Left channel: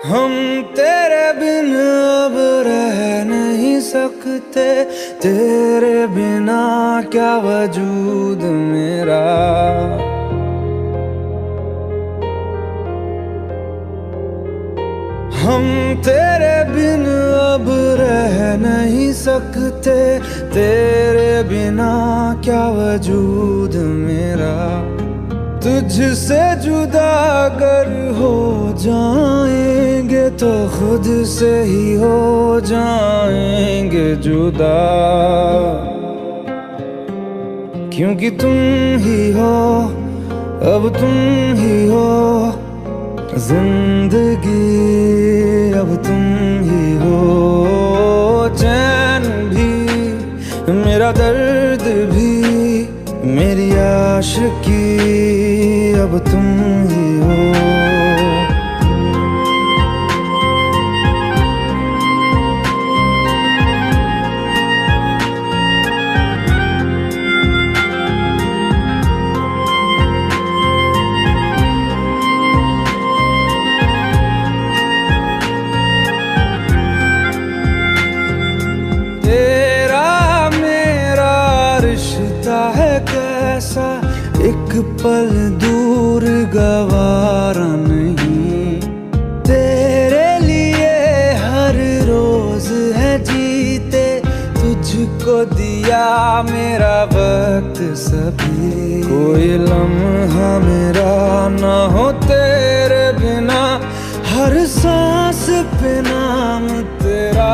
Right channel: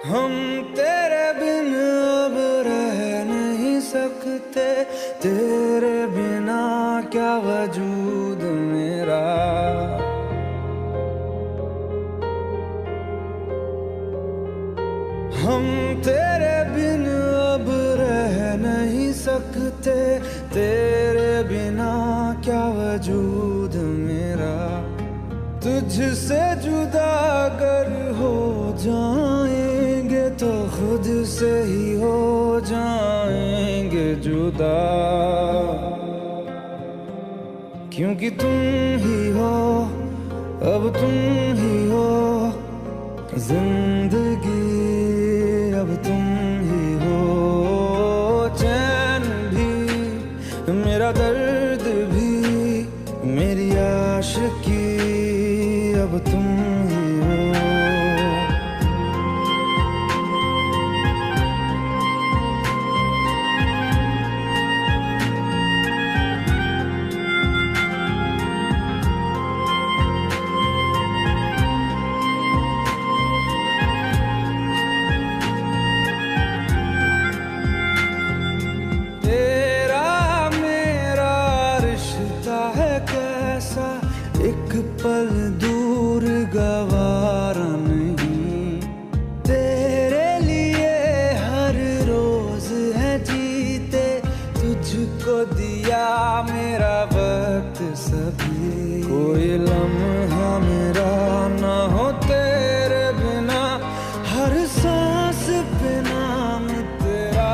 हम तेरे बिन अब रह नहीं सकते, तेरे बिना क्या वजूद मेरा। हम तेरे बिन अब रह नहीं सकते, तेरे बिना क्या वजूद मेरा। तुझसे जुदा अगर हो जाएंगे तो खुद से ही हो जाएंगे जुदा, क्योंकि तुम ही हो, अब तुम ही हो जिंदगी, अब तुम ही हो। चैन भी, मेरा दर्द भी, मेरी आशिकी, अब तुम ही हो। एक पल दूर गवारा नहीं, तेरे लिए हर रोज है जीते, तुझको दिया मेरा वक्त सभी। कोई लम्हा मेरा ना हो तेरे बिना, हर सांस पे नाम तेरा,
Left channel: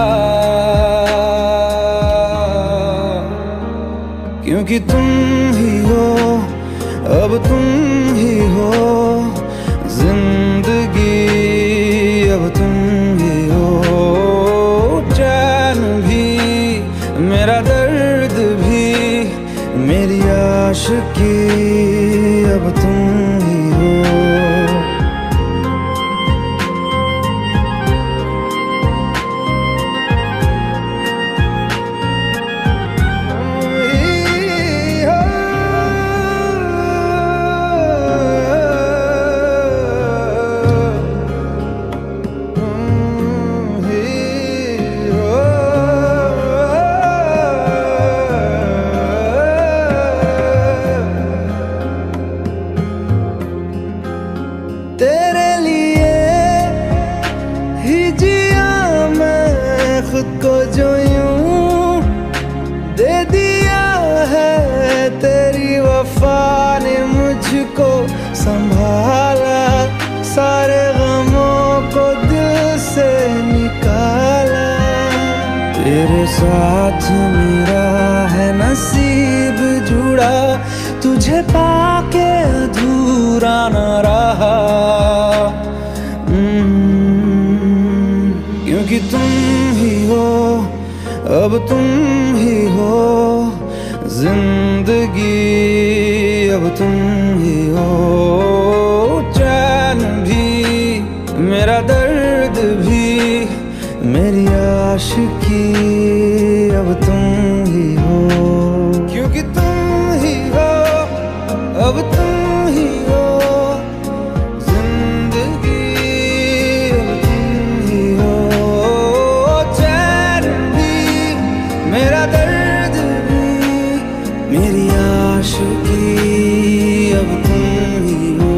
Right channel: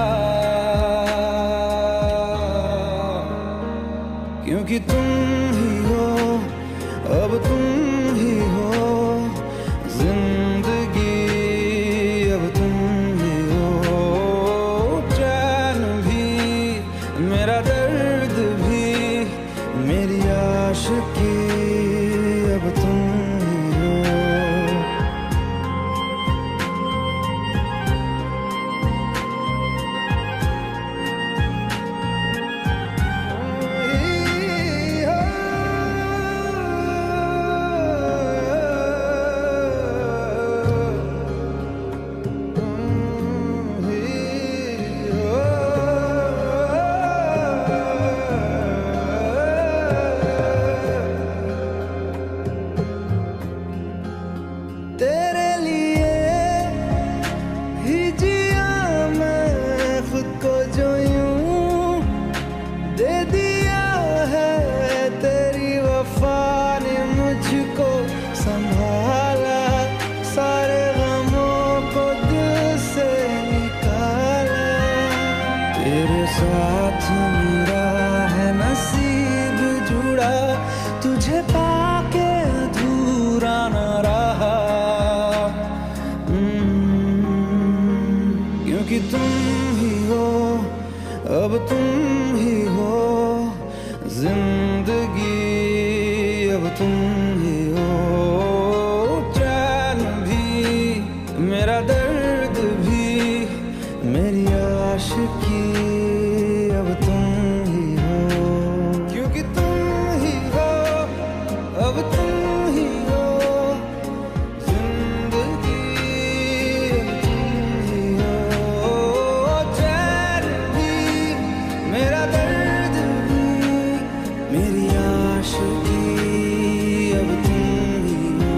क्योंकि तुम ही हो, अब तुम ही हो जिंदगी, अब तुम ही हो। चैन भी, मेरा दर्द भी, मेरी आशिकी, अब तुम ही हो। तेरे लिए ही जिया मैं खुद को, जो यूं दे दिया है तेरी वफा ने मुझको संभाला, सारे गमों को दिल से निकाला। तेरे साथ मेरा है नसीब जुड़ा, तुझे पाके अधूरा न रहा, क्योंकि तुम ही हो, अब तुम ही हो जिंदगी, अब तुम ही हो। चैन भी, मेरा दर्द भी, मेरी आशिकी, अब तुम ही हो, क्योंकि तुम ही हो, अब तुम ही हो जिंदगी, अब तुम ही हो। चैन भी, मेरा दर्द भी, मेरी आशिकी, अब तुम ही हो।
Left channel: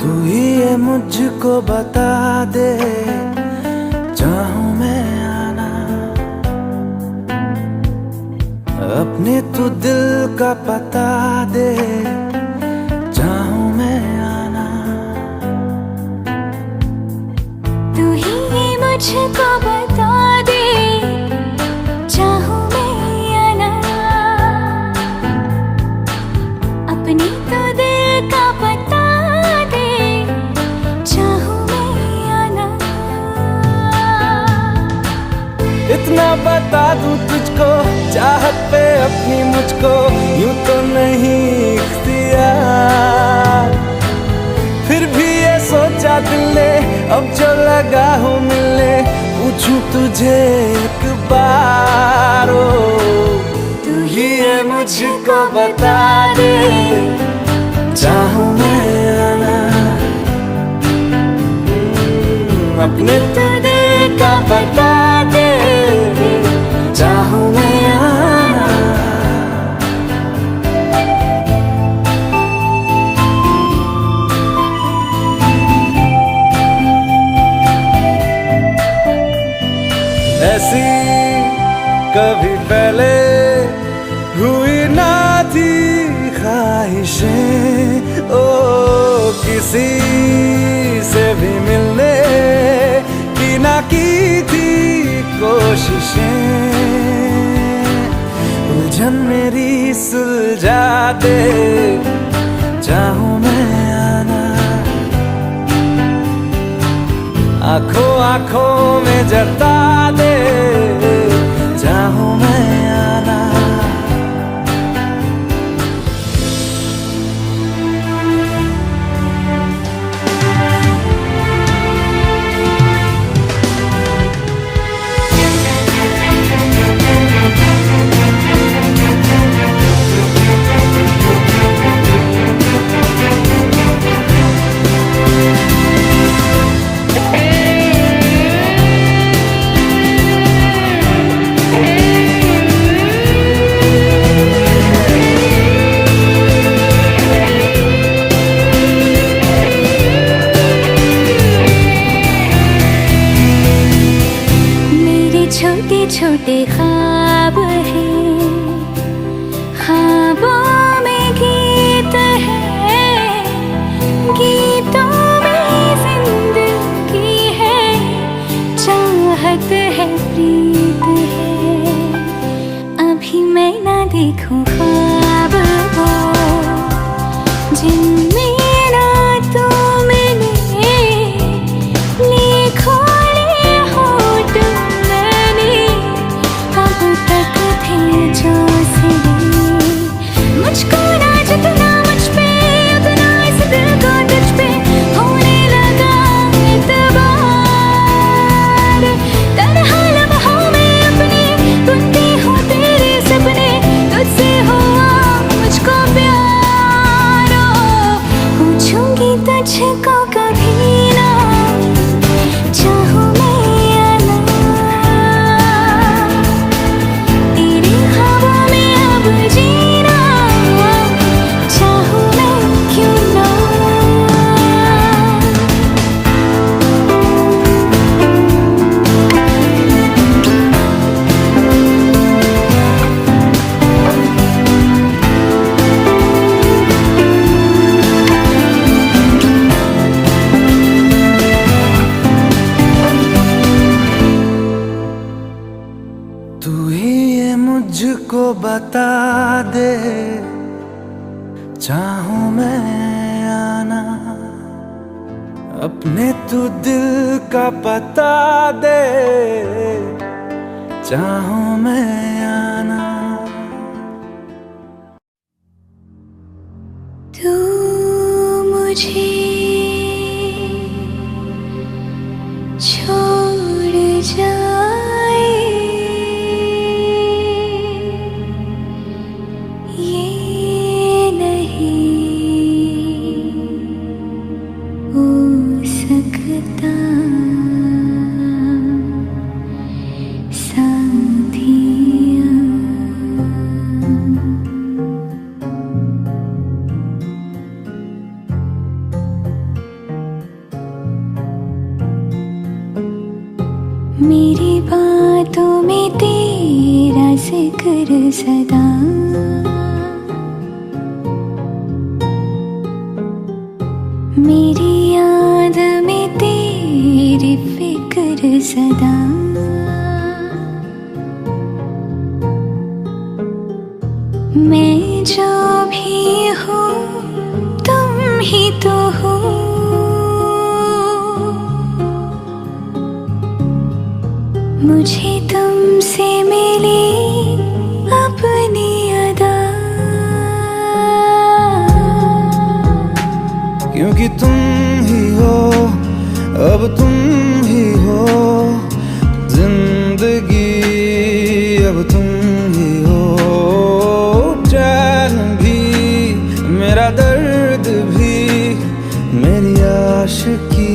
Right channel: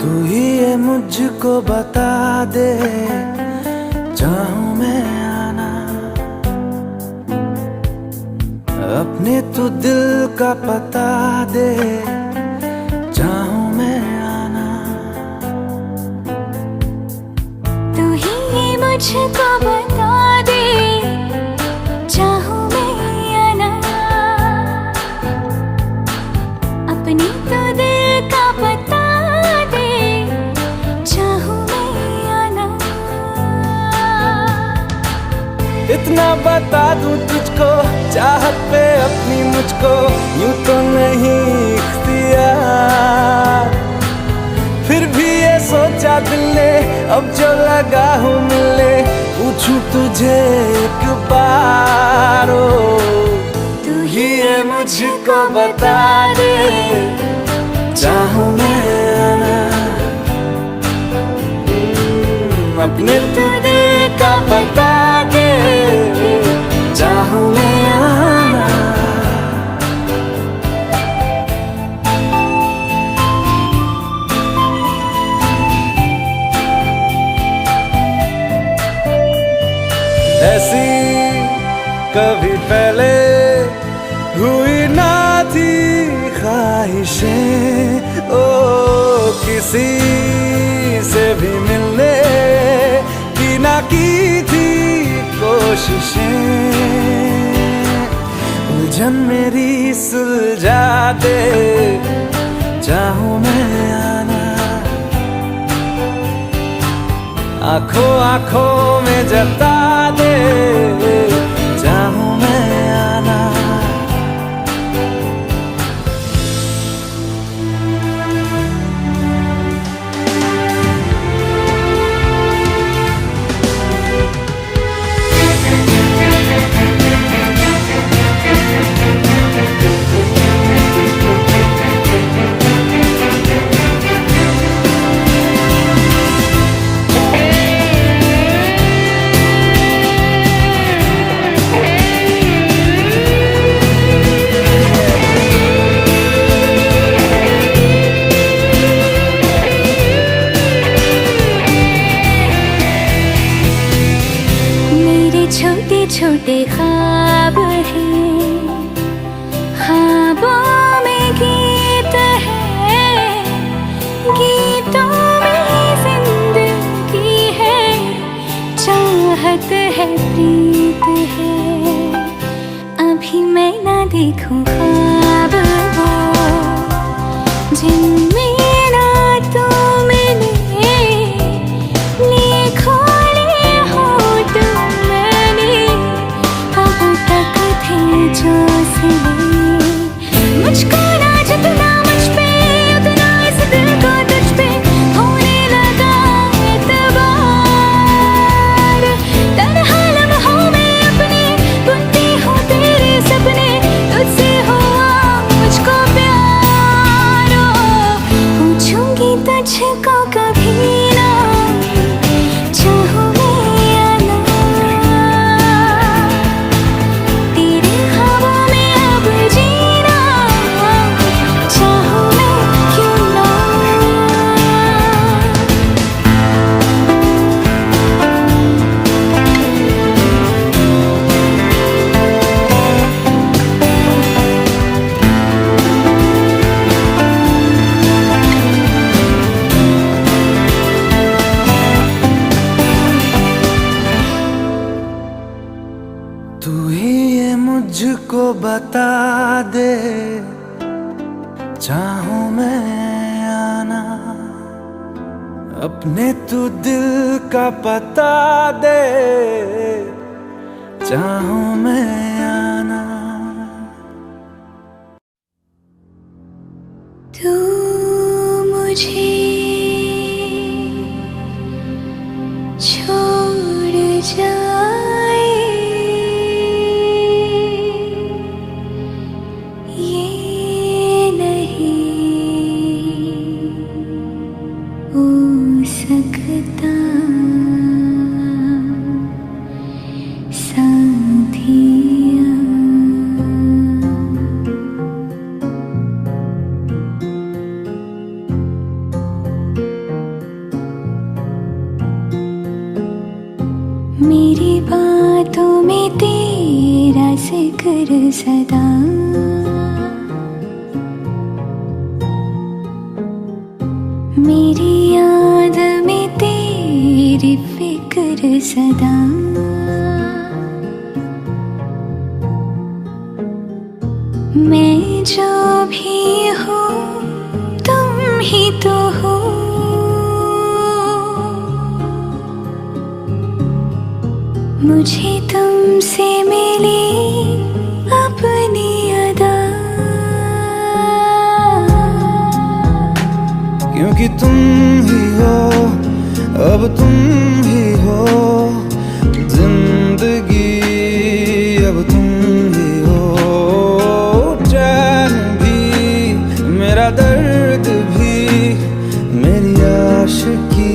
तू ही ये मुझको बता दे, चाहूं मैं आना, अपने तू दिल का पता दे, चाहूं मैं आना। मुझको बता दे, चाहूं मैं या ना, अपनी तो दिल का पता दे, चाहूं मैं या ना। इतना बता दूं तुझको, चाहत पे अपनी मुझको यूं तो नहीं इख्तियार, फिर भी ये सोचा दिल ने अब जो लगा हूँ मिलने, पूछूं तुझे एक बार, तू ही ये मुझको बता दे, चाहूं मैं आना, अपने तो दिल का बता दे, चाहूं मैं आना। ऐसी कभी पहले हुई ना थी ख्वाहिशें, ओ किसी से भी मिलने की ना की थी कोशिशें, उलझन मेरी सुलझा दे, चाहूं मैं आना, आंखों आंखों में जता दे, चाहूं मैं आना। छोटे छोटे ख्वाब हैं, ख्वाबों में गीत है, गीतों में जिंदगी है, चाहत है, प्रीत है, अभी मैं ना देखूं ख्वाब वो जिनमें ना तू मिले, लिखो जो सिले, मुझको ना जितना मुझ पे उतना इस दिल को तुझ पे होने लगा एतबार, तन्हा लम्हों में अपने बुनती हूँ तेरे सपने, तुझसे हुआ मुझको प्यार, पूछूंगी तुझको कभी ना, चाहूं तू ही ये मुझको बता दे, चाहूं मैं आना, अपने तू दिल का पता दे, चाहूं मैं आना। तू मुझे छोड़ जाए, ये नहीं हो सकता, साथिया। मेरी बातों में तेरा जिक्र सदा, मेरी याद में तेरी तेरी फिक्र सदा। मैं जो भी हूँ तुम ही तो हो। मुझे तुमसे मिली अपनी अदा। क्योंकि तुम ही हो, अब तुम ही हो जिंदगी, अब तुम ही हो चैन भी, मेरा दर्द भी, मेरी आशिकी,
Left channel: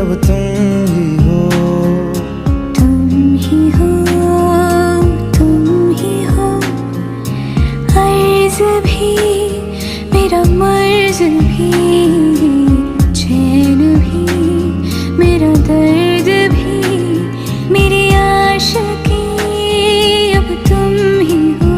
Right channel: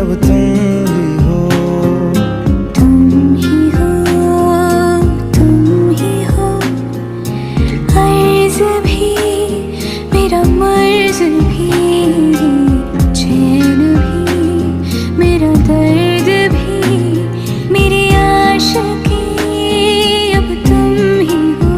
अब तुम ही हो। तुम ही हो, तुम ही हो, अर्ज भी मेरा मर्ज भी, चैन भी मेरा दर्द भी, मेरी आशिकी, अब तुम ही हो।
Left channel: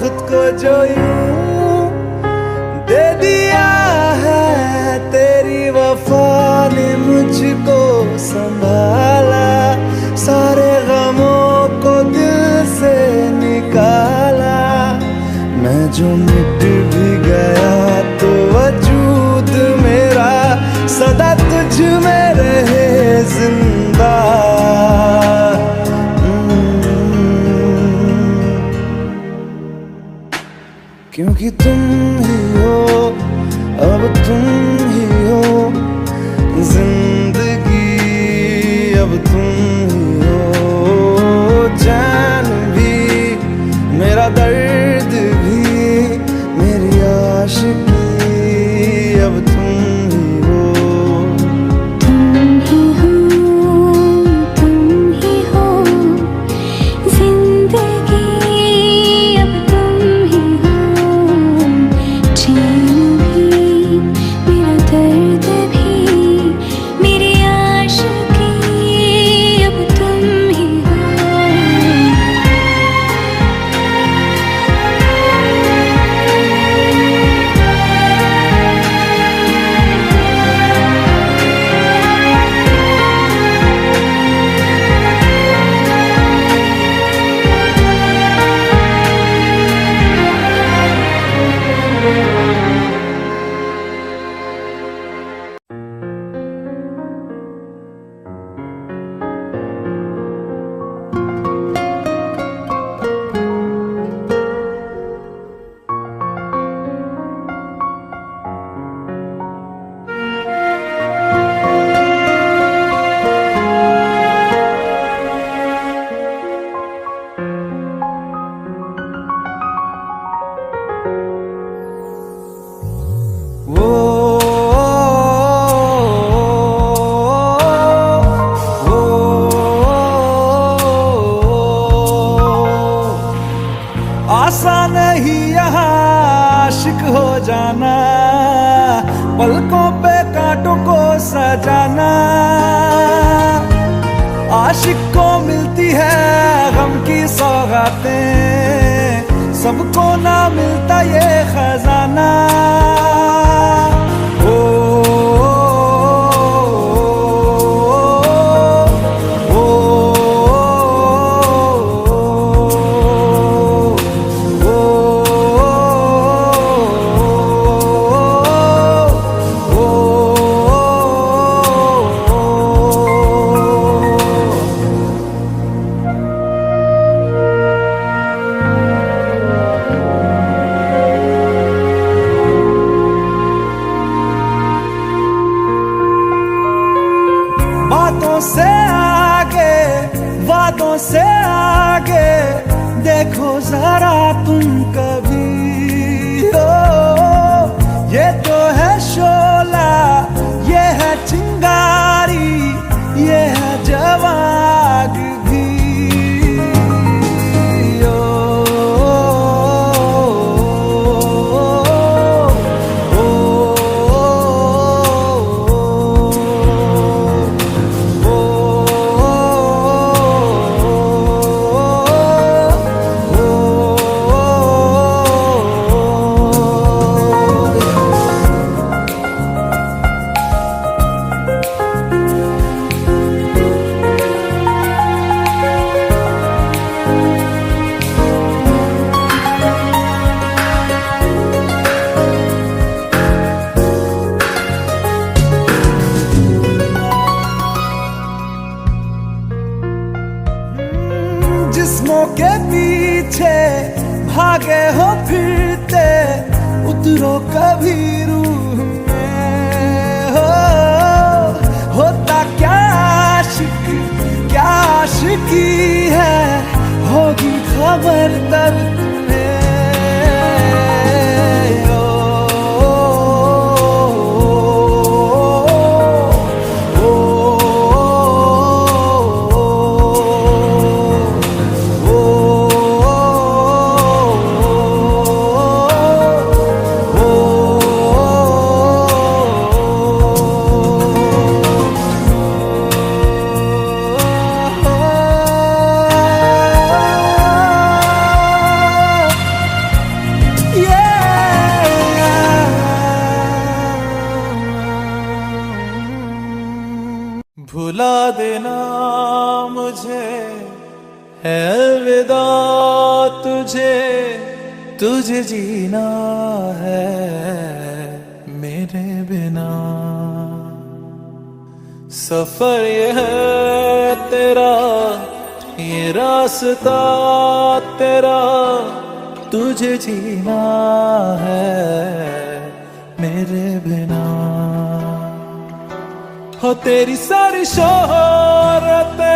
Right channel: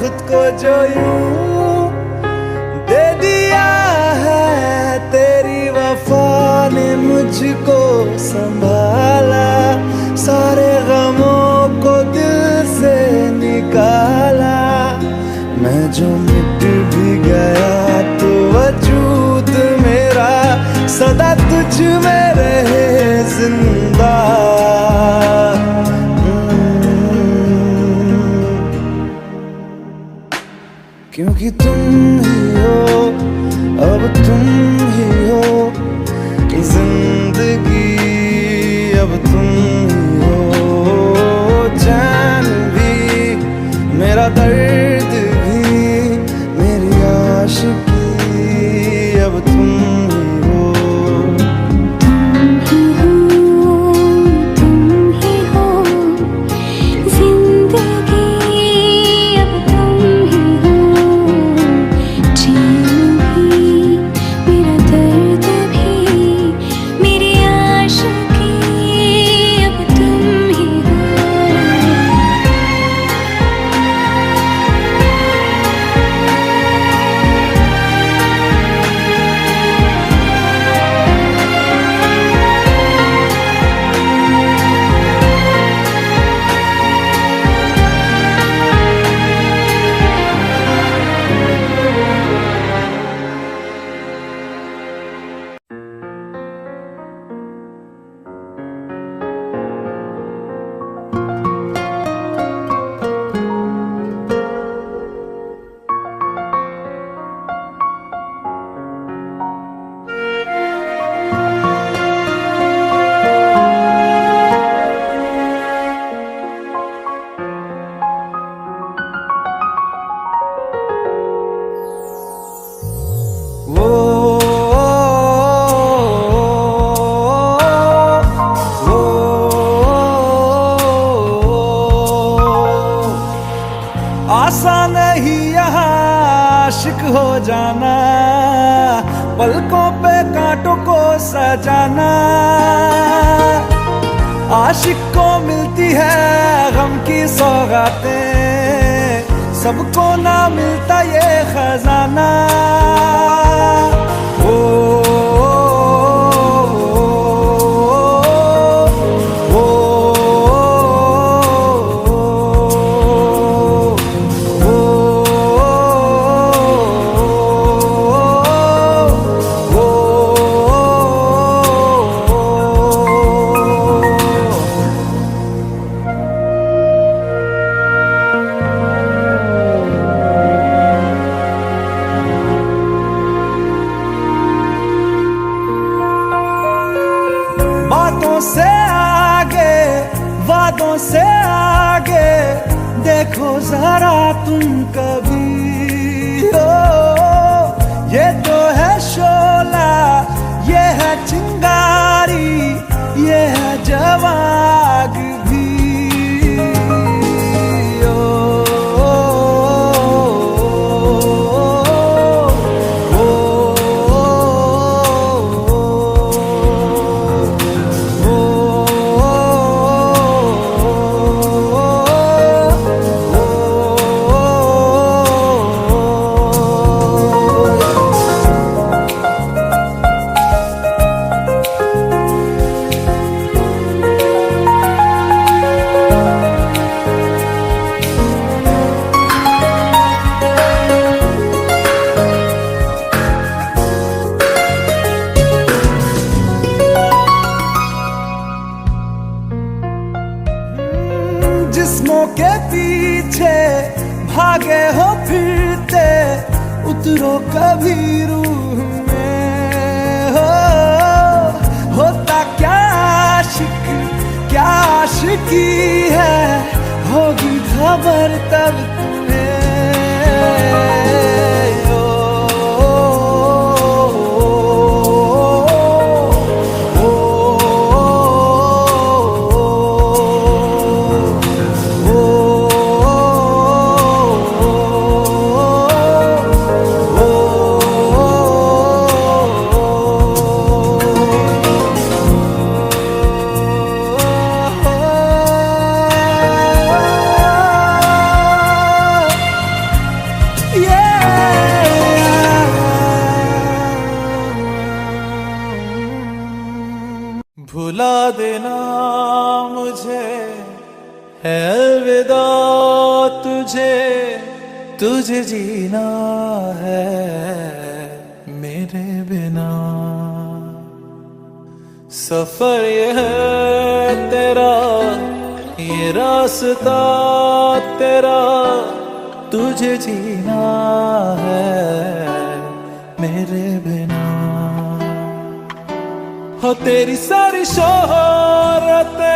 खुद को जो यूं दे दिया है, तेरी वफा ने मुझको संभाला, सारे गमों को दिल से निकाला। मैं जो मिट भी गया तो वजूद मेरा सदा तुझ में रहे जिंदा। क्योंकि तुम ही हो, अब तुम ही हो जिंदगी, अब तुम ही हो चैन भी, मेरा दर्द भी, मेरी आशिकी, अब तुम ही हो। तुम ही हो, तुम ही हो जिंदगी, अब तुम ही हो, चैन भी मेरा दर्द भी, मेरी आशिकी, अब तुम ही हो। आसान नहीं यहाँ आशिक हो जाना, पलकों पे कांटों को सजाना। आशिक को मिलती है गम की सौगातें, सबको ना मिलता ये खजाना। ओ से आगे, वादों से आगे देखो जरा तुम कभी। ओ ये तो है शोला, ये है चिंगारी, ये है जवाग भी। जिस्मों के पीछे भागे हो फिरते, उतरो कभी रूह में। होता क्या आशिक, क्या आशिकी है, होगी खबर तब तुम्हें। भुला देना मुझे है अलविदा तुझे, तुझे जीना है मेरे बिना। सफर ये है तेरा, ये रास्ता तेरा, तुझे जीना है मेरे बिना। हो तेरी सारी शोहरतें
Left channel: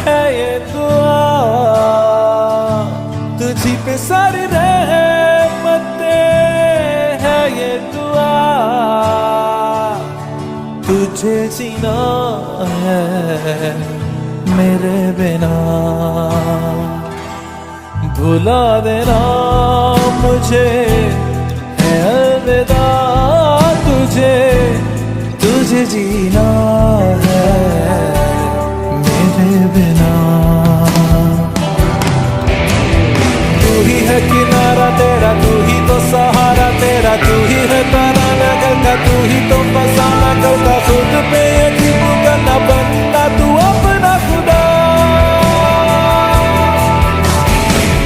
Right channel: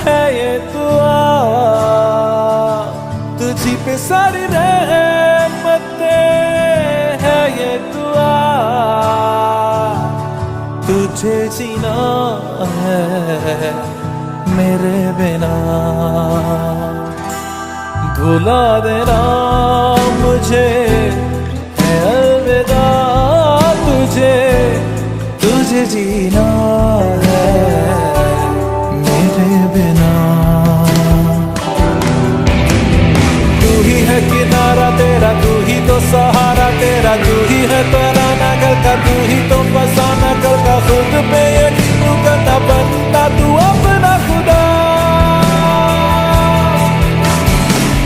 है ये दुआ, तुझी पे सारी रहमतें है ये दुआ, तुझे जीना है मेरे बिना। भुला देना मुझे है अलविदा तुझे, तुझे जीना है मेरे बिना। तू ही है किनारा तेरा, तू ही तो सहारा तेरा, तू ही है तराना गल का, तू ही तो फसाना गल का। खुद पे यकीन करना, बनना तू अपना खुदा।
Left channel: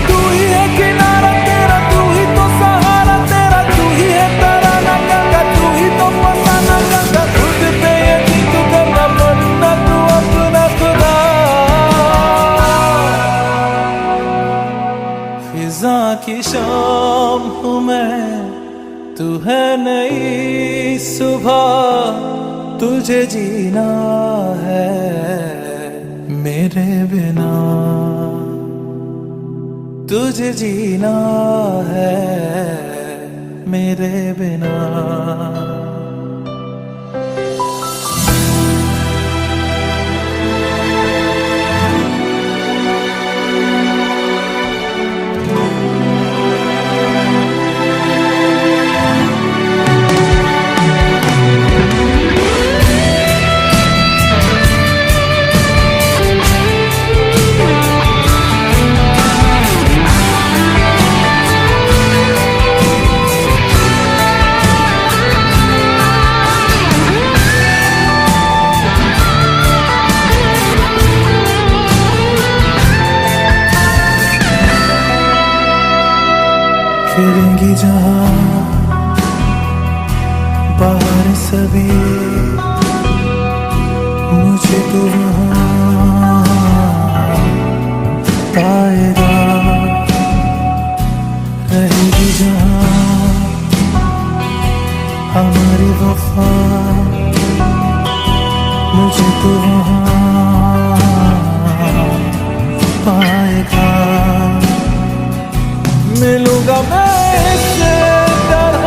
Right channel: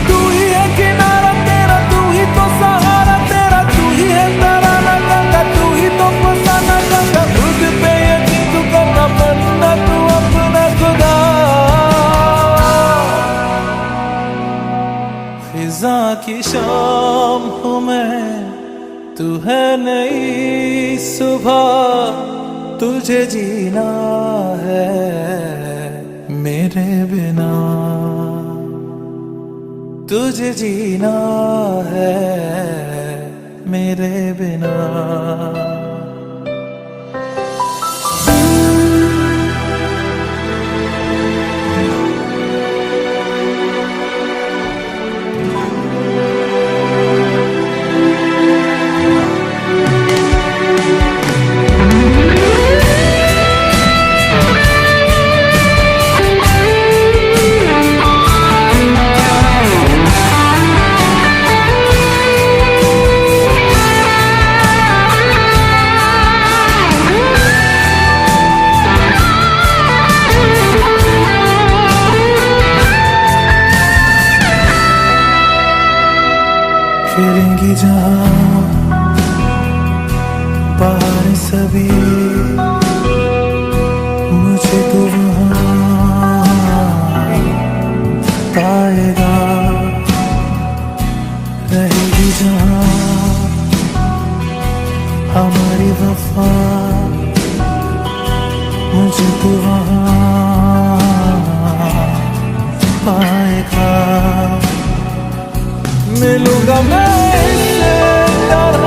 तू ही है किनारा तेरा, तू ही तो सहारा तेरा, तू ही है तराना गल का, तू ही तो फसाना गल का। खुद पे यकीन तू करना, बनना तू अपना खुदा। फिजा की शाम हूँ मैं, तू है नई सुबह, तुझे जीना है मेरे बिना, तुझे जीना है मेरे बिना। फिरेंगी जहाँ बाहर सभी, मुझे तो वहाँ पाएगा। रहेगी जहाँ हमारी वफा, मुझे तो वहाँ पाएगा। मिलूंगा मैं इससे तरह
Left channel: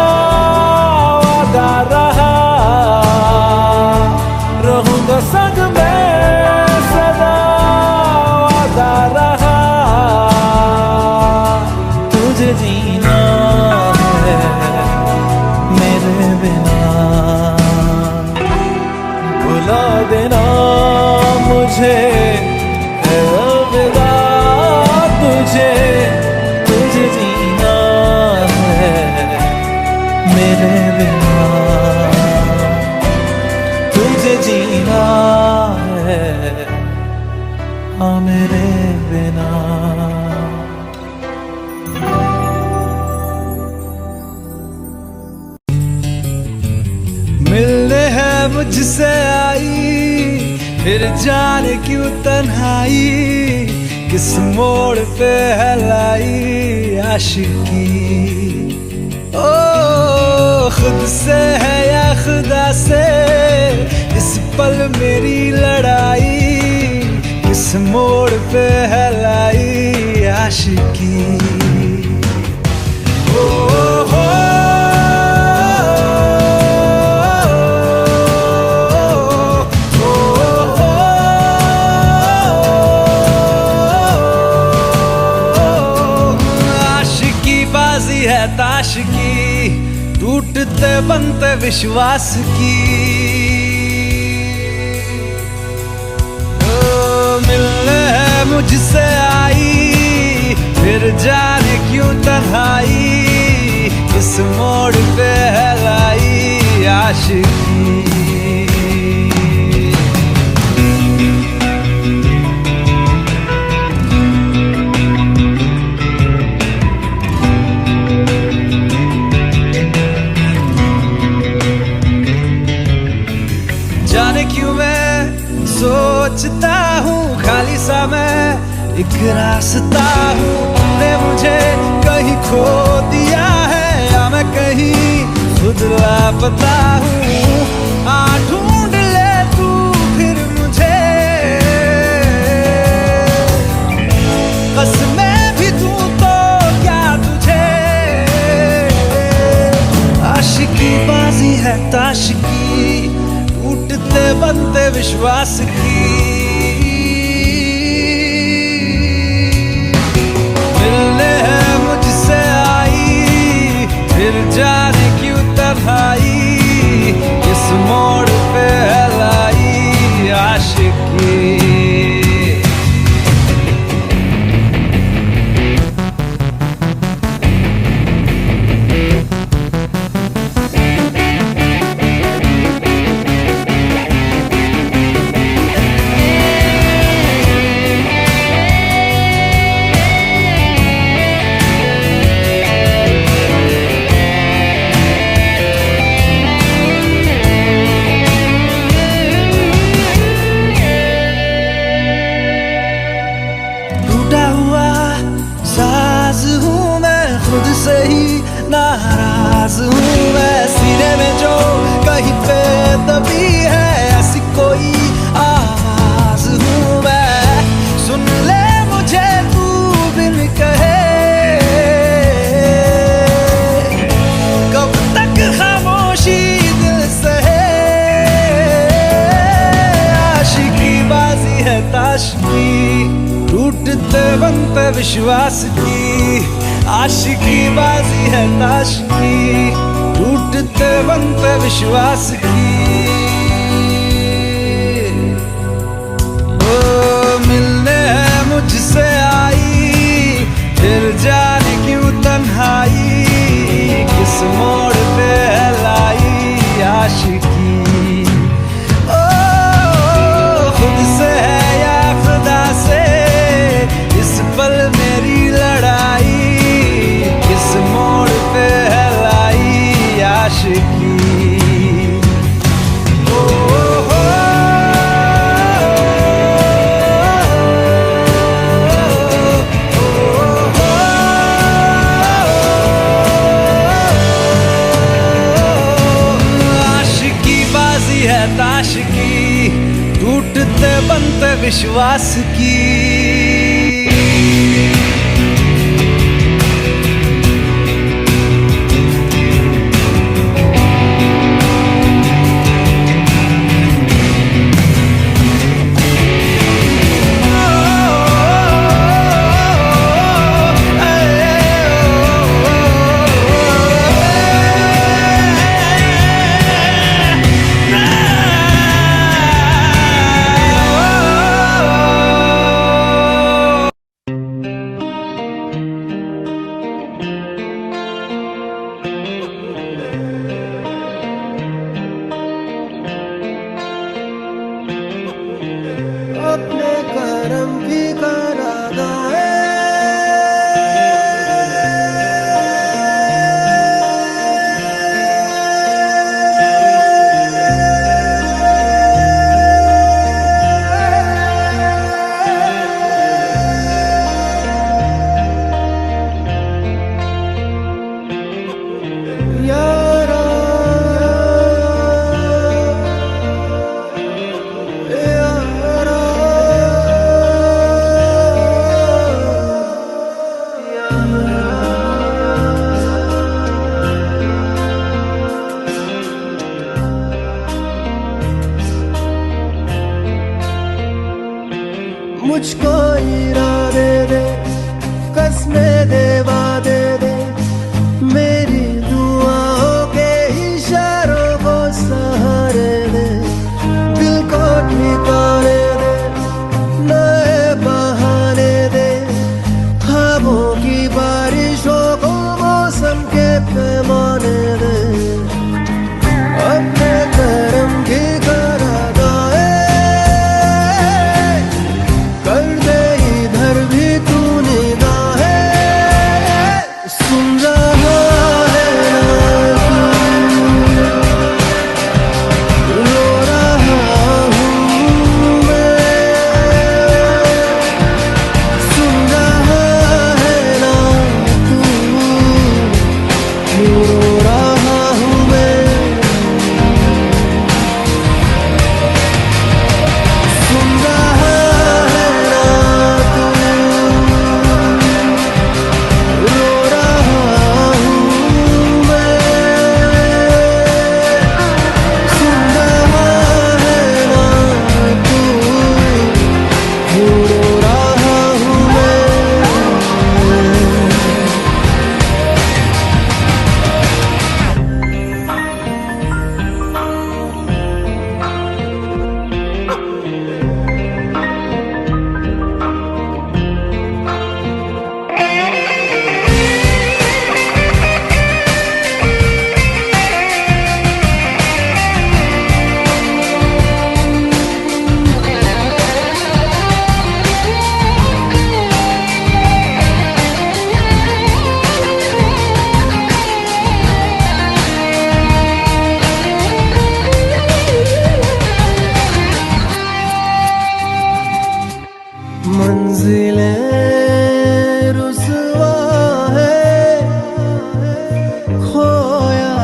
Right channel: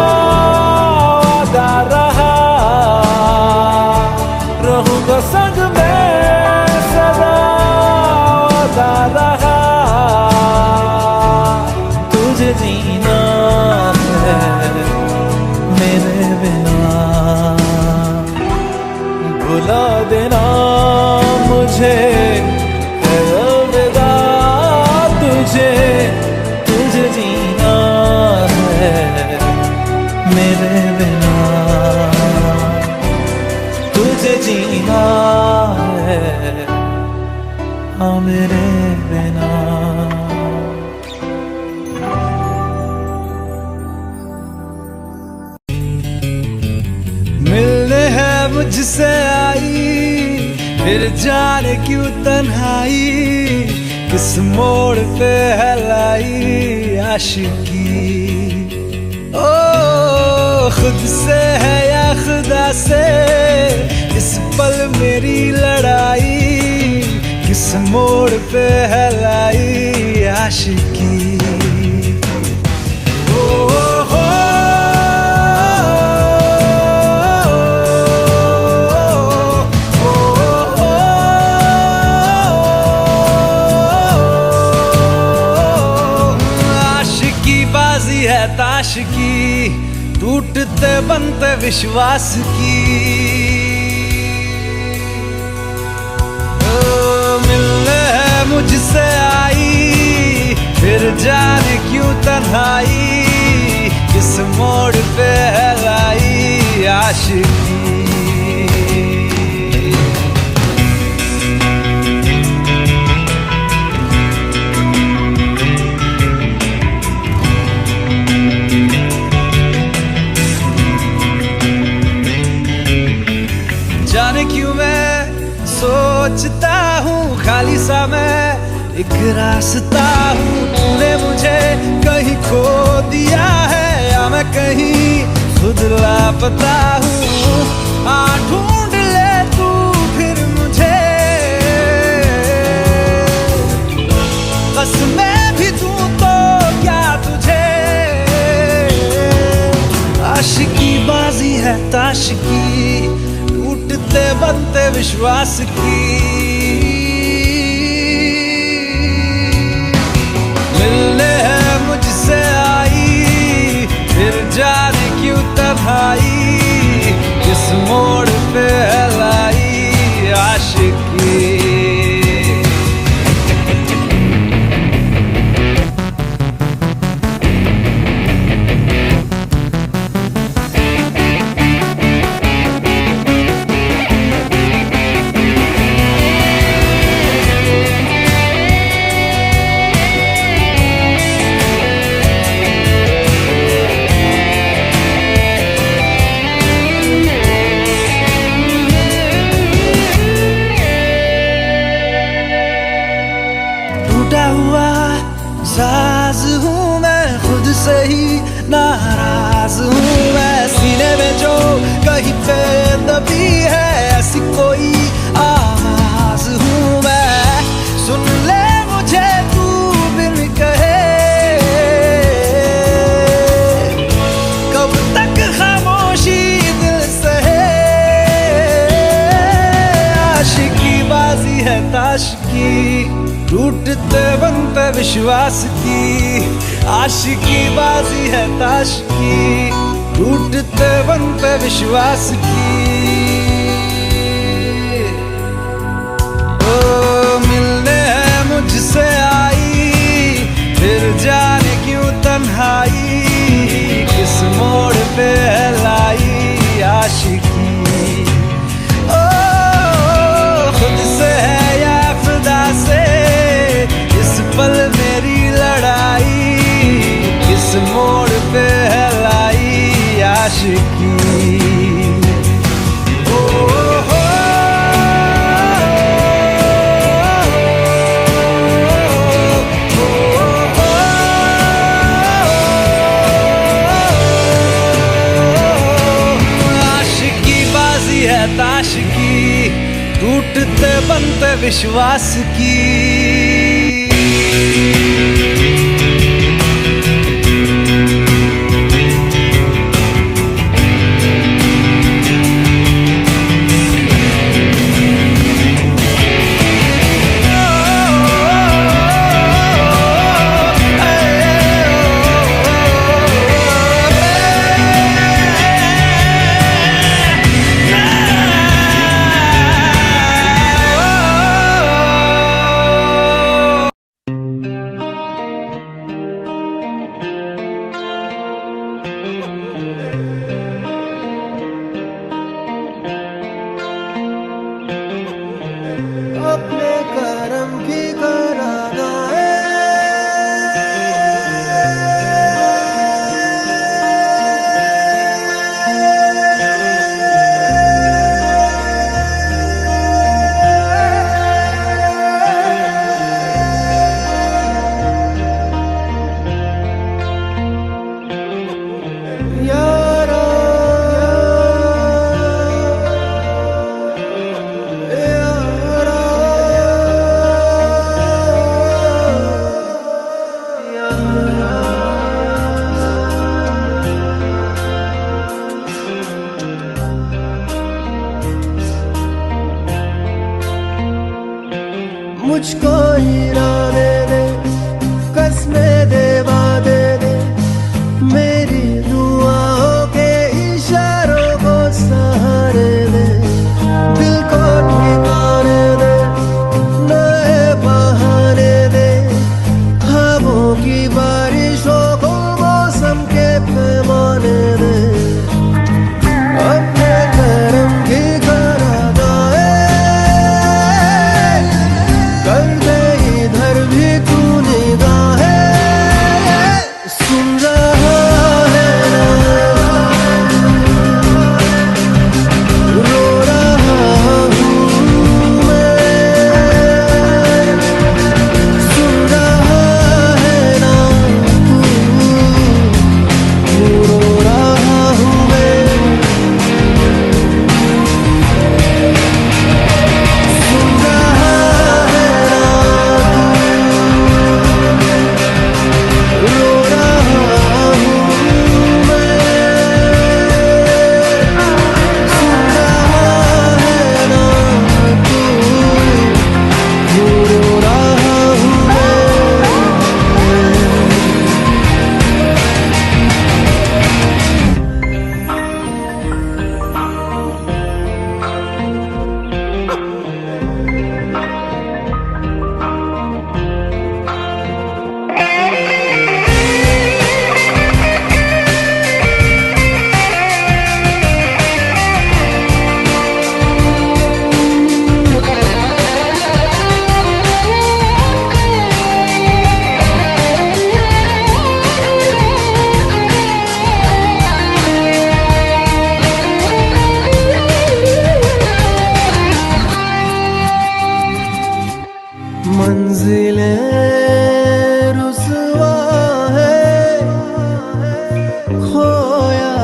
वादा रहा, रहूंगा संग में सदा वादा रहा। तुझे जीना है मेरे बिना, भुला देना मुझे है अलविदा। तुझे तुझे जीना है मेरे बिना, तुझे जीना है हाँ मेरे बिना। मिलने है मुझसे आई, फिर जाने क्यों तन्हाई, किस मोड़ पे है लाई आशिकी। ओ खुद से है या खुदा से, इस पल मेरी लड़ाई, किस मोड़ पे है लाई आशिकी। बाजी है ताश की, टूटते बनते विश्वास की। मिलने है मुझसे आई, फिर जाने क्यों तन्हाई, किस मोड़ पे है लाई आशिकी। जाने क्यों मैं सोचता हूँ खाली सा मैं एक रास्ता हूँ। तूने मुझे कहीं खो दिया है या मैं कहीं खुद लापता हूँ। आ ढूंढ ले तू फिर मुझे, कसमें भी दूँ तो क्या तुझे। आशिकी बाजी है ताश की, टूटते बनते विश्वास की। मिलने है मुझसे आई, फिर जाने क्यों तन्हाई, किस मोड़ पे है लाई आशिकी। टूटा हुआ साज हूँ मैं, खुद से ही नाराज हूँ मैं। सीने में जो कहीं पे दबी है ऐसी कोई आवाज हूँ मैं। सुन ले मुझे तू बिन कहे, कब तक खामोशी दिल सहे। आशिकी बाजी है ताश की, टूटते बनते विश्वास की। आशिकी बाजी है ताश की, टूटते बनते विश्वास की। ओ मिलने है मुझसे आई, फिर जाने क्यों तन्हाई, किस मोड़ पे है लाई आशिकी। ओ खुद से है या खुदा से, इस पल मेरी लड़ाई, किस मोड़ पे है लाई आशिकी। आशिकी बाजी है ताश की, टूटते बनते विश्वास की। अपने करम की करादाए यारा यारा मुझको इरादे दे, कसमें दे, वादे दे, मेरी दुआओं के इशारों को सहारे दे, दिल को ठिकाने दे, नए बहाने दे, ख्वाबों की बारिशों को मौसम के पैमाने दे, अपने करम की करादाए कर दे इधर भी तू निगाहें। सुन रहा है ना तू, रो रहा हूँ मैं। सुन रहा है ना तू, क्यों रो रहा हूँ मैं। सुन रहा है ना तू, रो रहा हूँ मैं। सुन रहा है ना तू, क्यों रो रहा हूँ मैं। मंजिलें रुसवा है, खोया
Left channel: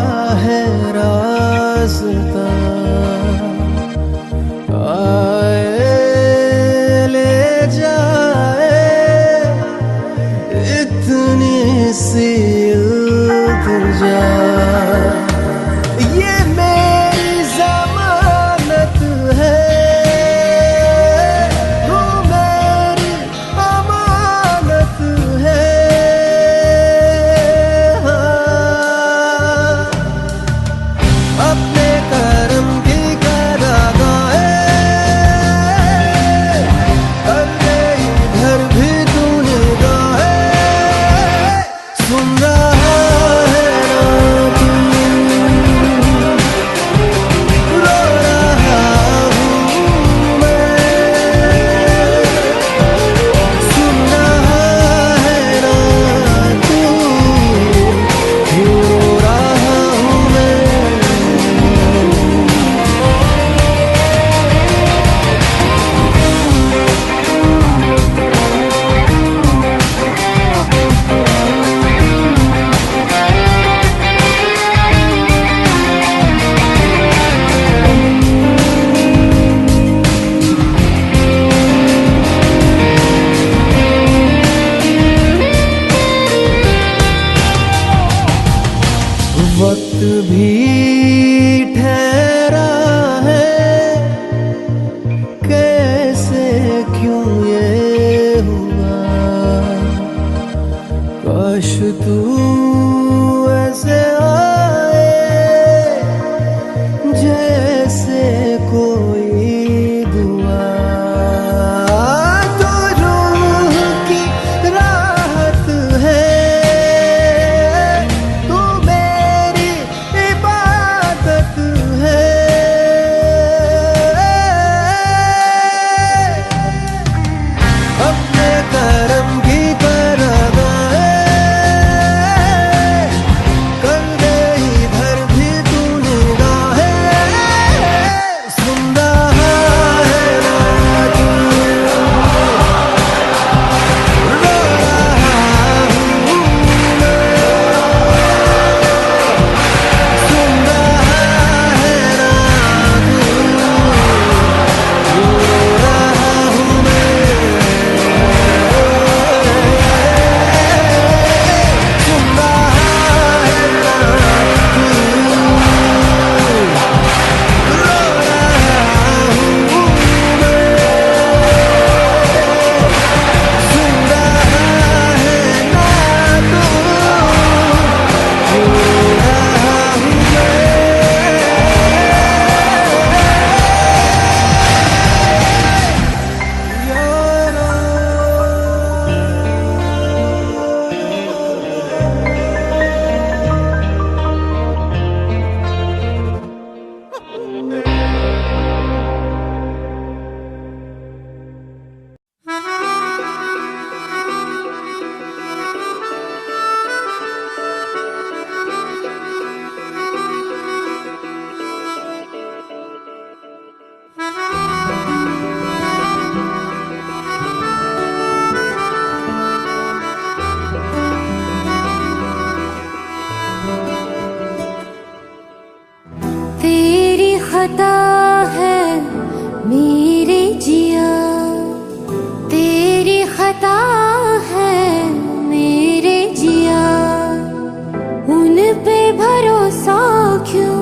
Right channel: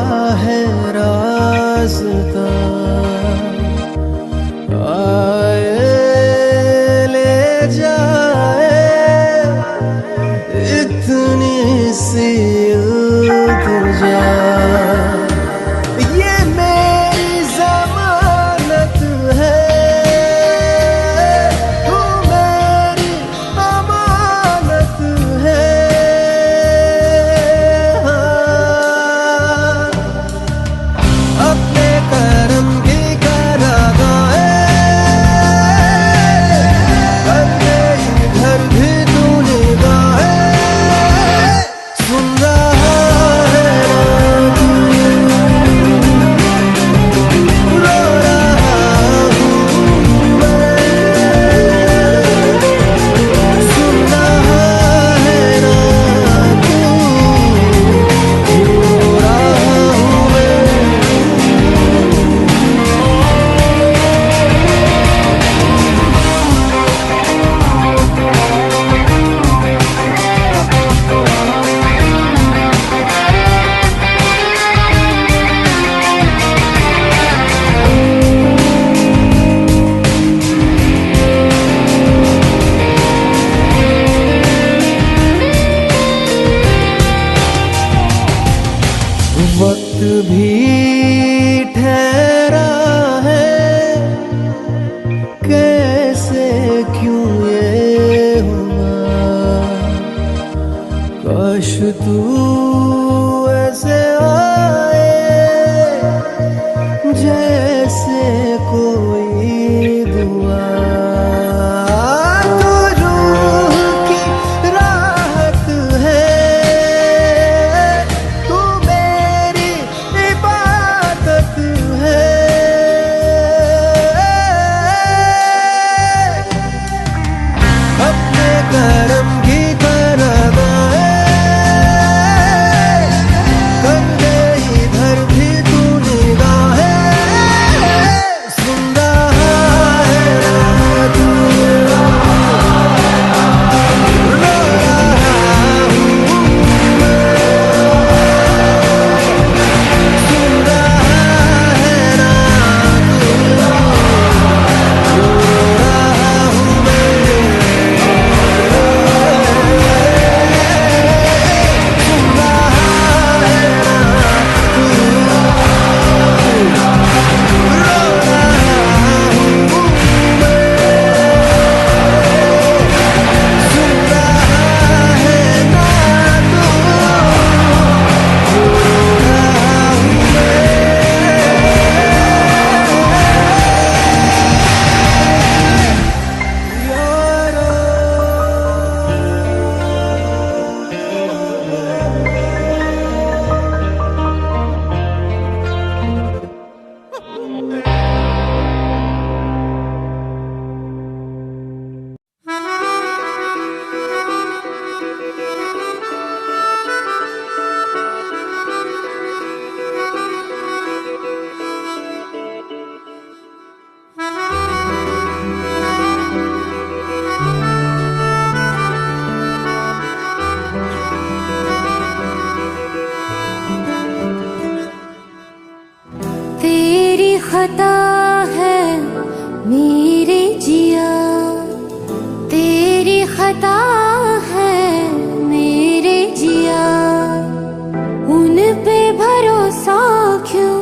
है रास्ता, आए ले जाए इतनी सी इल्तिजा। ये मेरी जमानत है, तू मेरी अमानत है। हाँ, अपने करम की करा भी ठहरा है, कैसे क्यों ये हुआ। काश तू ऐसे आए जैसे कोई दुआ। तो रूह की राहत है, तू मेरी इबादत है। अपने करम की तरह कर दे इधर भी तू निगाहें। सुन रहा है ना तू, रो रहा हूँ मैं। सुन रहा है ना तू, रो रहा हूँ मैं। सुन रहा है ना तू, रो रहा हूँ मैं। सुन रहा है ना तू, रो रहा हूँ मैं। यारा तेरी खता है मेरे जिया, तेरी खता है मेरे जिया। उन पे भरोसा क्यों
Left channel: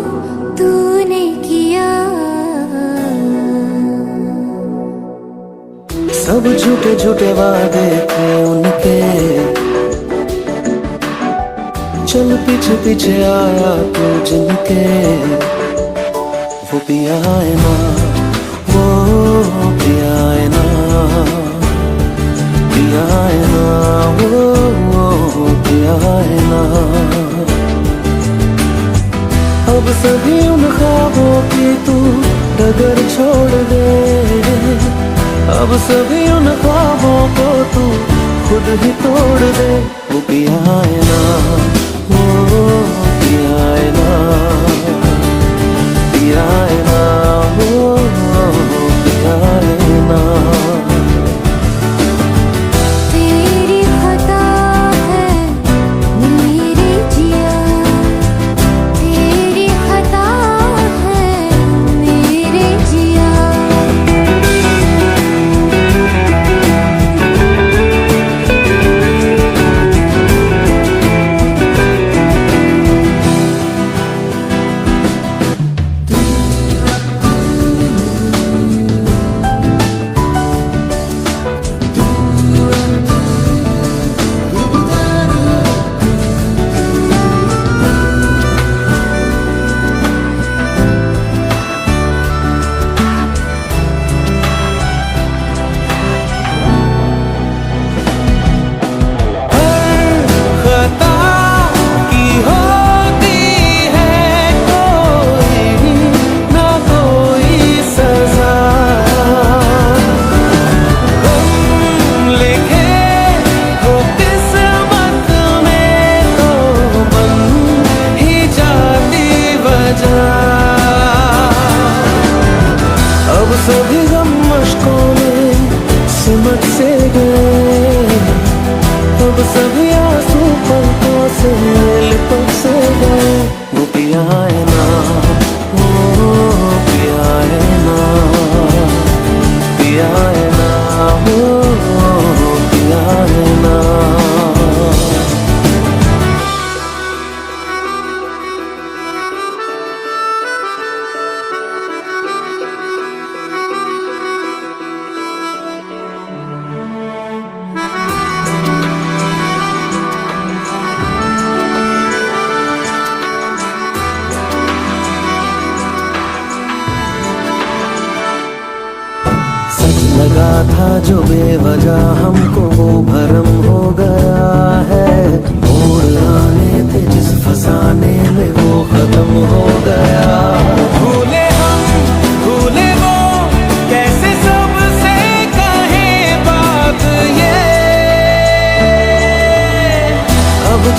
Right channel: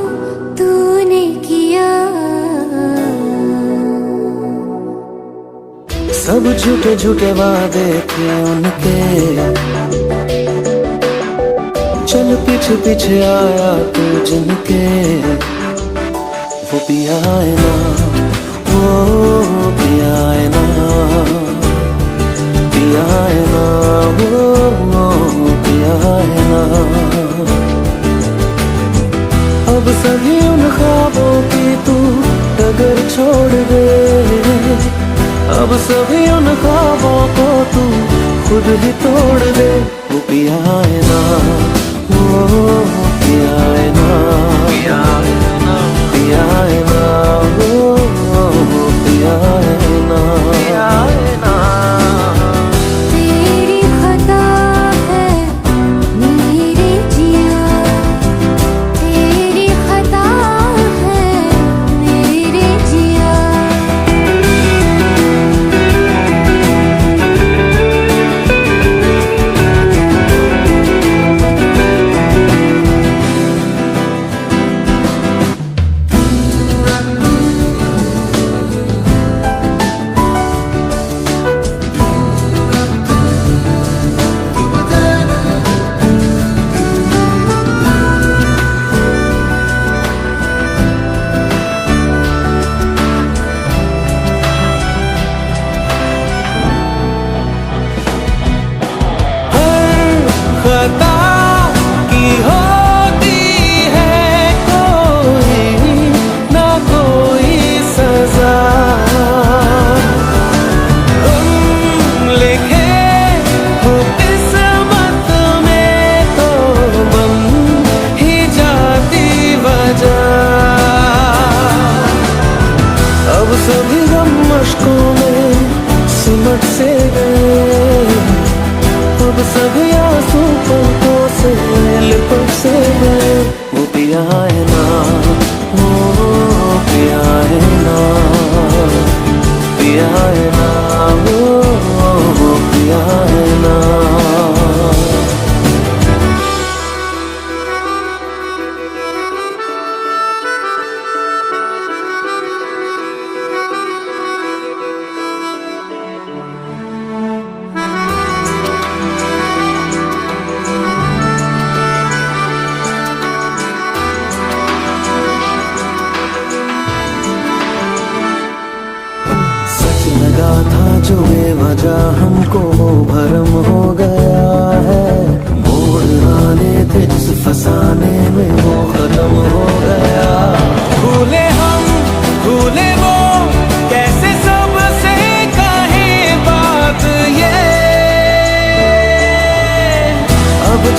तूने किया। सब झूठे झूठे वादे थे उनके, चल पीछे पीछे आया तू जिनके। वो पिया है ना, वो पिया है ना, पिया है ना, वो पिया है ना। अब सभी उन ख्वाबों की तू डगर छोड़ दे। अब सभी उन ख्वाबों को तू खुद ही तोड़ दे। वो पिया है ना, वो पिया है ना, पिया है ना, वो पिया है ना। तेरी खता है मेरे जिया, तेरी खता है मेरे जिया। खता की होती है कोई ना कोई सजा। हम लिखे हो किस्मत में तो बन ही जाती वजह। अब सभी गम मशकों में सिमट से गए। अब सभी आंसू पलकों से लिपट से गए। वो पिया है ना, वो पिया है ना, पिया है ना, वो पिया है ना।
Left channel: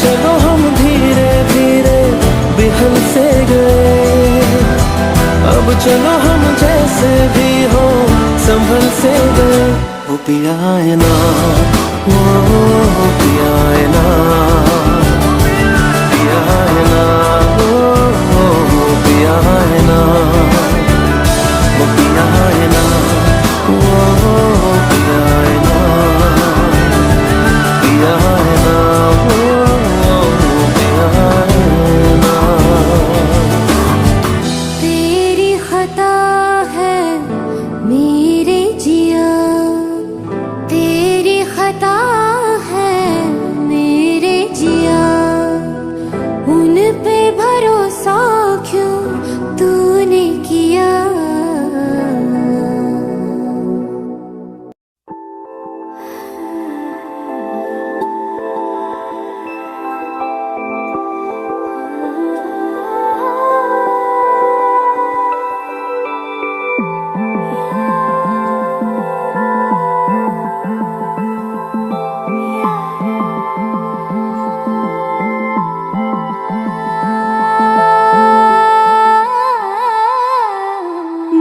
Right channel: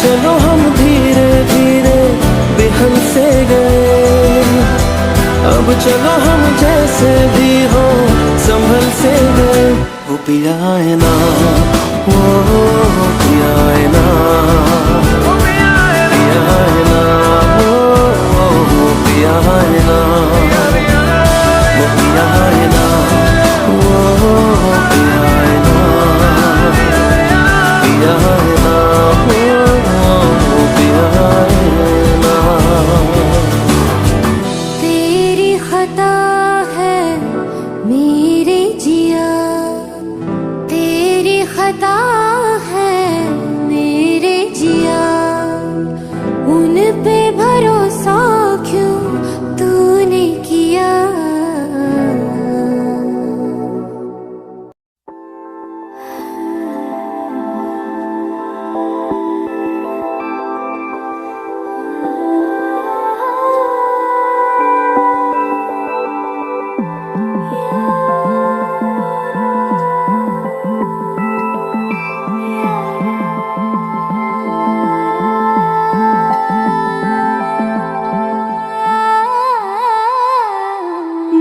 चलो हम धीरे धीरे बेहल से गए, अब चलो हम जैसे भी हो संभल से गए। वो पिया है ना, वो पिया है ना, पिया है ना, वो पिया है ना, वो पिया है ना, वो पिया है ना, पिया है ना, वो पिया है ना। तेरी खता है मेरे जिया, तेरी खता है मेरे जिया, उन पे भरोसा क्यों तूने किया।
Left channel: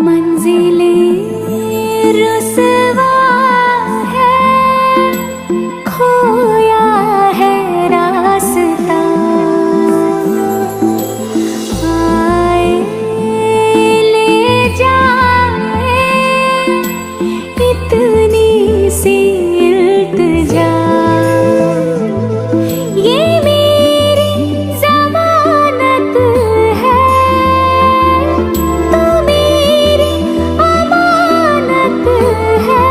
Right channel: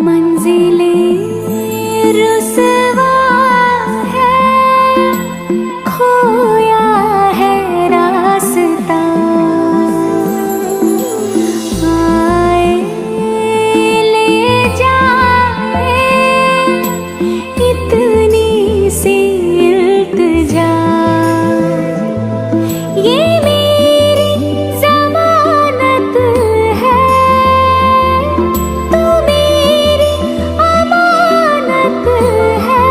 मंजिलें रुसवा है, खोया है रास्ता, आए ले जाए इतनी सी इल्तिजा, ये मेरी जमानत है, तू मेरी अमानत है।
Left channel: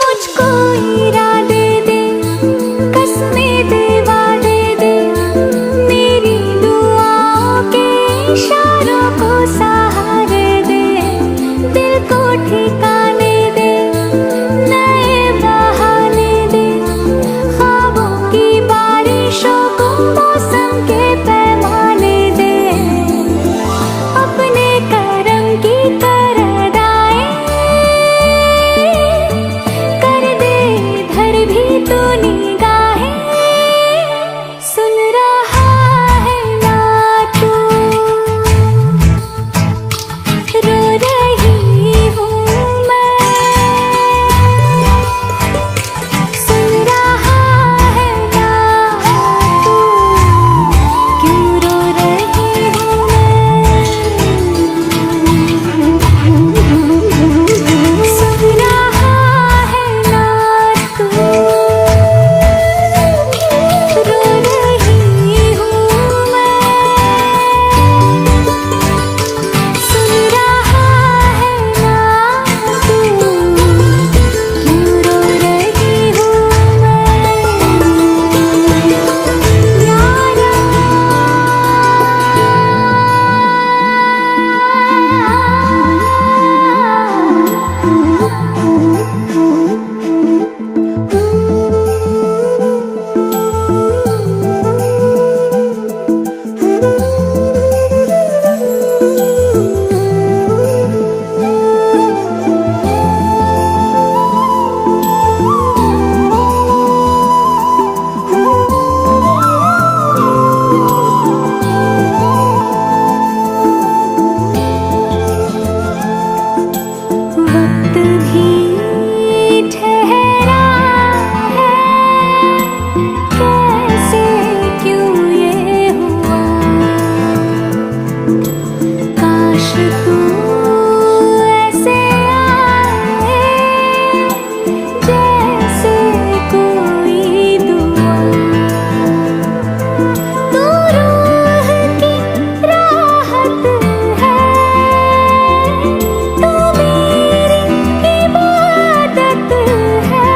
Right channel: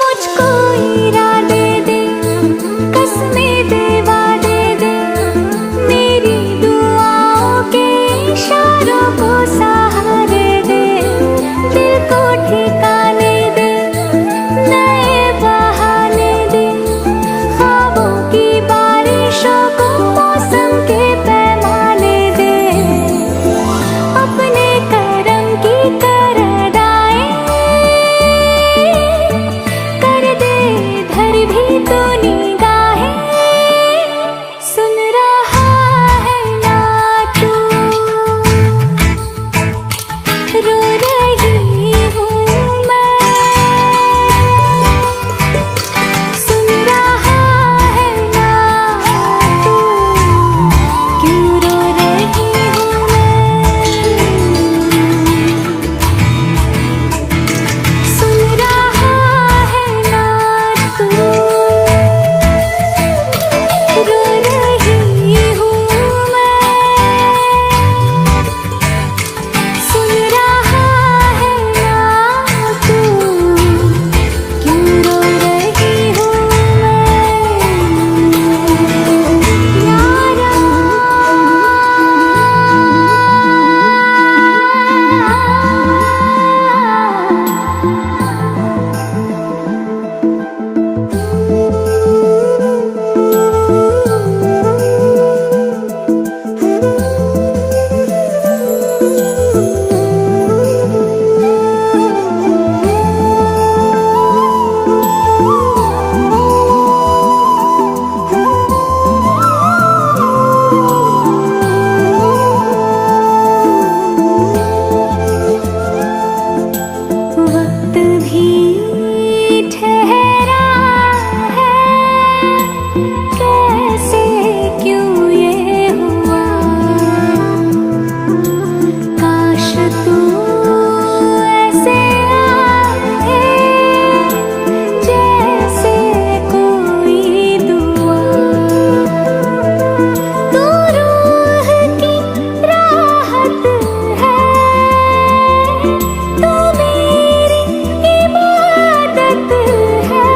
मुझको इरादे दे, कसमें दे, वादे दे, मेरी दुआओं के इशारों को सहारे दे, दिल को ठिकाने दे, नए बहाने दे, ख्वाबों की बारिशों को मौसम के पैमाने दे, अपने करम की करदाएं कर दे धर भी तो निगाहें, सुन रहा है ना तू, रो रही हूँ मैं, सुन रहा है ना तू, क्यों रो रही हूँ मैं, सुन रहा है ना तू, रो रही हूँ मैं, सुन रहा है ना तू, क्यों रो रही हूँ मैं, यारा। वक्त भी ठहरा है, कैसे क्यों ये हुआ, काश तू ऐसे आए जैसे कोई दुआ, तू रूह की राहत है, तू मेरी इबादत है,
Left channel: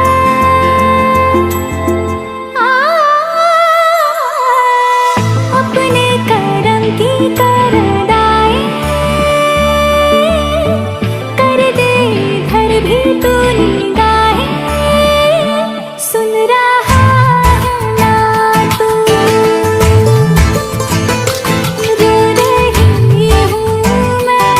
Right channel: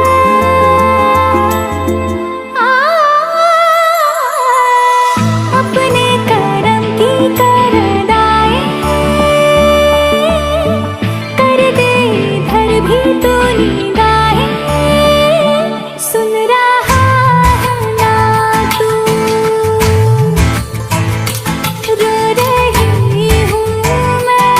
अपने करम की करदाएं कर दे धर भी तो निगाहें, सुन रहा है ना तू, रो रही हूँ मैं,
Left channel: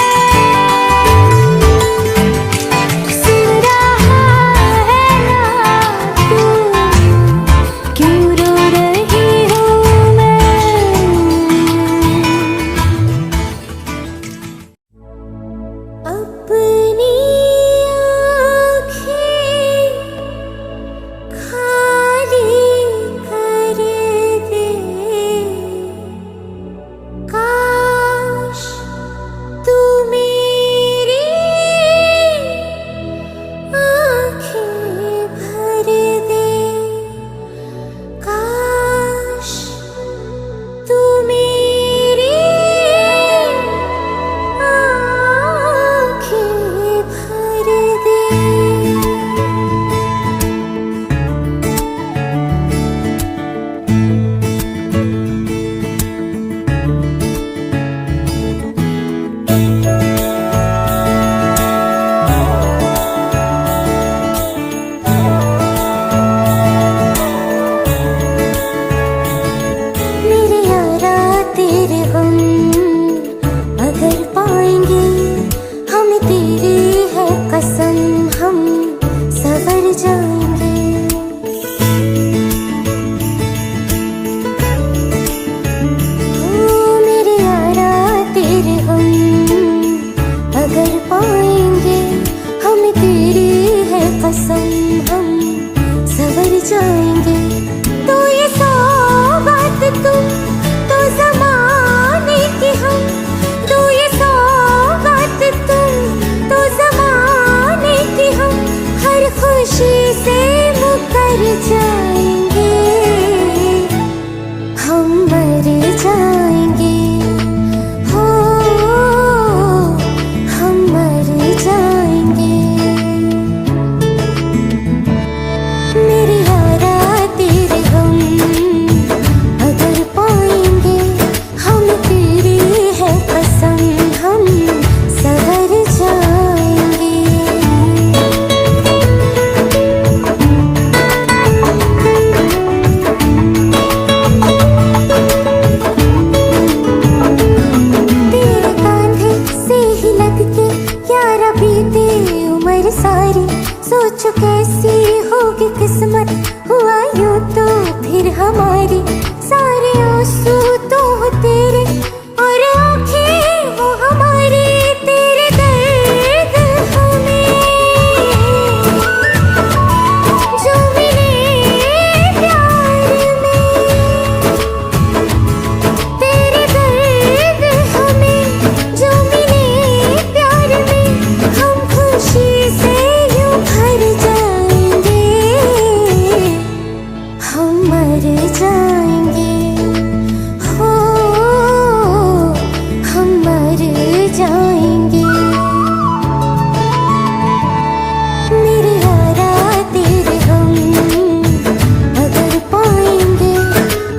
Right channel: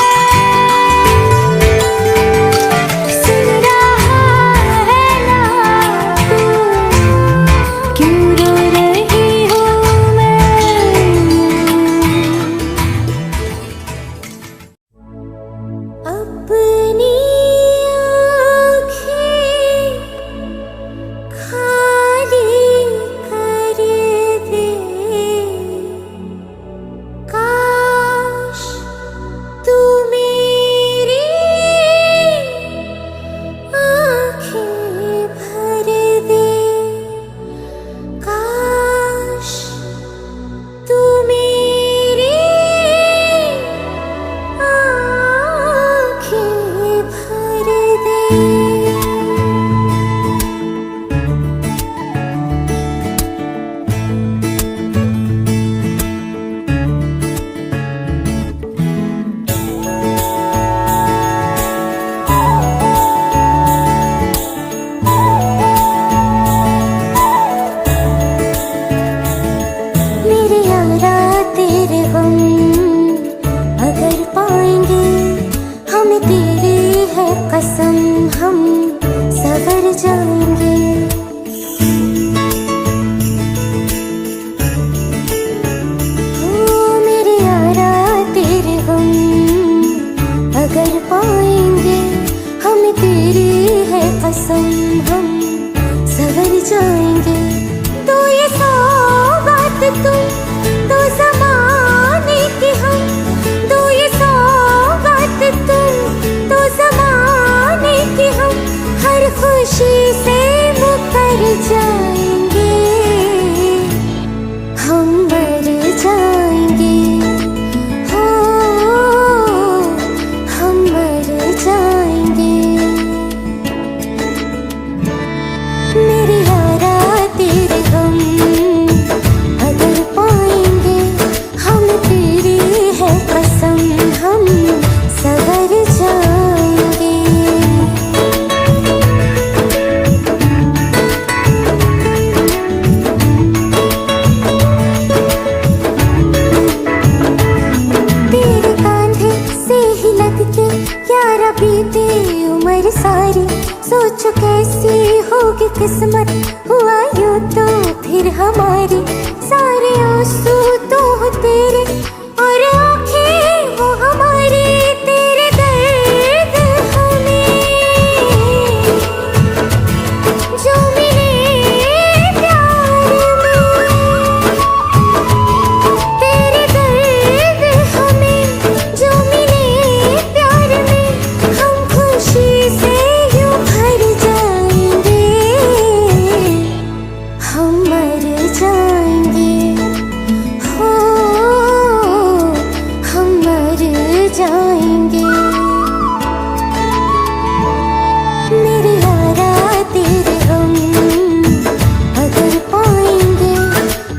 जाएंगे। ओ मेरे यारा तेरे हम अगर पाएंगे, हमें तेरी है कसम, हम सवर जाएंगे। तो ये सौगात तुम तो ज़माने की हम, तो ये सौगात तुम तो ज़माने की हम, हर खुशी से मुकर जाएंगे, हम मर जाएंगे, हो हम मर जाएंगे। मेरे यारा तेरे हम अगर पाएंगे, हम तेरी है कसम, हम सवर जाएंगे। तेरे कांधे से ही लग के यारा बीते उम्र सारी, सोचो कैसी होगी किस्मत, हुआ यूं तो फिर हमारी। सारे आंसू तो हो तेरे और आंखें वो हमारी, तेरे दर्द हमें जो मिले प्यार में, तेरे दर्द हमें जो मिले प्यार में, हम खुशी से यूं भर जाएंगे, हम मर जाएंगे, हो हम मर जाएंगे। मेरे यारा तेरे हम अगर पाएंगे,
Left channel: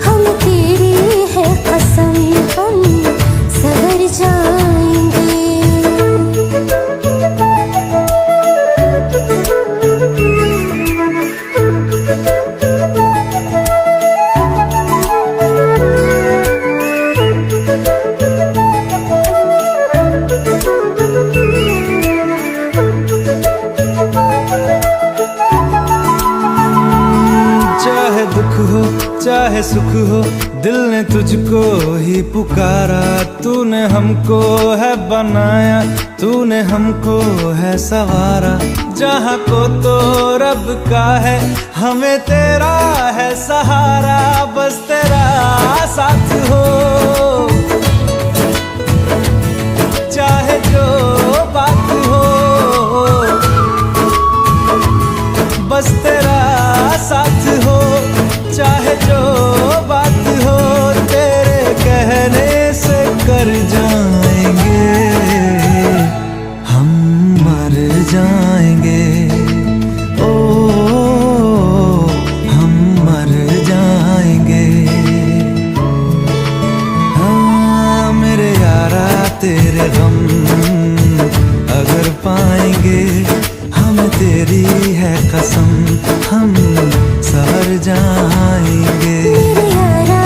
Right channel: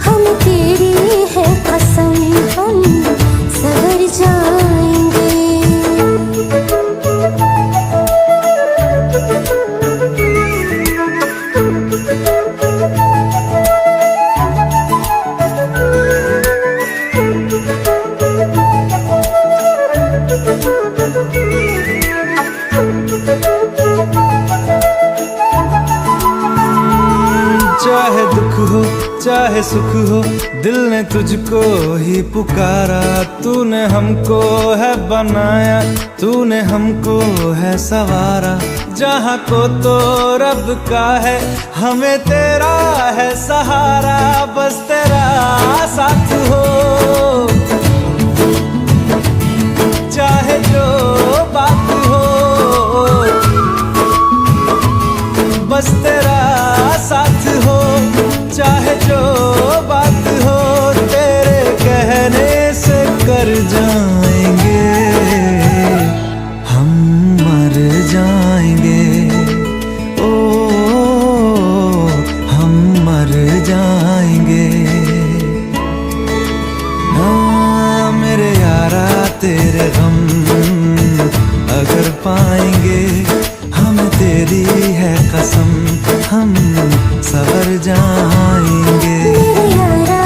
हम तेरी है कसम, हम सवर जाएंगे। चाहे दुख हो चाहे सुख हो, दिल ने तुझको ही पुकारा। तूने हमको है बनाया, तूने हमको है सवारा। जहाँ को तो रब का है, हमें तेरा है सहारा। बस तेरा साथ हो, चाहे जो बात हो, बस तेरा साथ हो, चाहे जो बात हो। तेरे कहने से कर जाएंगे, हम मर जाएंगे, ओ हम मर जाएंगे। हाँ मेरे यारा तेरे गम अगर पाएंगे, हमें तेरी है कसम, हम सवर जाएंगे। मेरे यारा